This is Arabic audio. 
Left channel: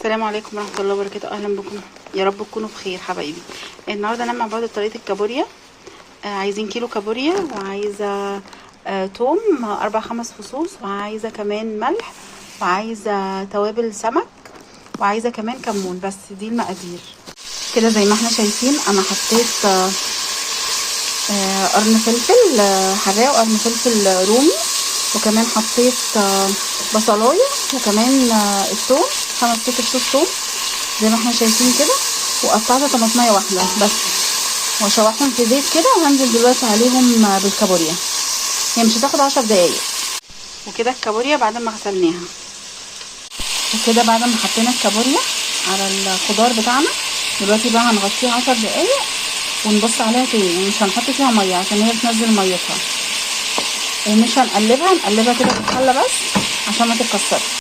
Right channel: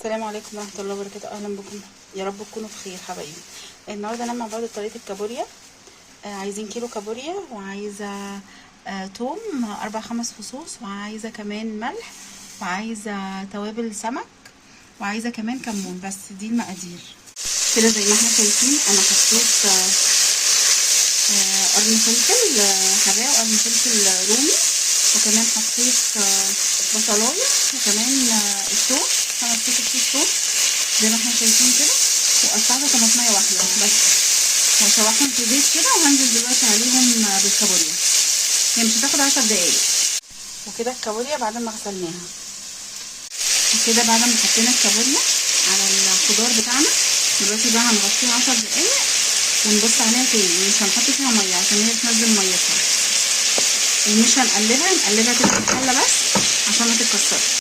السلام عليكم ورحمه الله وبركاته. اهلا بكم، يا رب تكونوا بخير حبايبي. النهارده هنعمل مع بعض طريقه الكابوريا. عايزين كيلو كابوريا، وعايزه توم 4-5 فصوص، وعايزه كمان ملح، وعايزه توابل سمك، وعايزه كمان كمون. بس دي المقادير كده زي ما احنا شايفين. انا حطيت قرن فلفل حراق وقرن فلفل رومي، وكمان حطيت بصلايه، وكمان الثوم 5-6 فصوص ثوم زي ما احنا شايفين كده، وقطعت طماطميه واحده بس، وشوحهم في زيت كده. وهنزل دلوقتي عليهم بالكابوريا، هي مش هتاخد 10 دقايق. وكده الكابوريا بعد ما غسلناها، وكده بعد ما حطينا الكابوريا على الخضار بتاعنا، دلوقتي بقى هنغطيها 10 دقايق ونبص عليها تاني. يعني مش هنحط فيها ميه عشان هي تنزل ميتها، ومش هنقلبها كده في الحله بس عشان ما تتكسرش.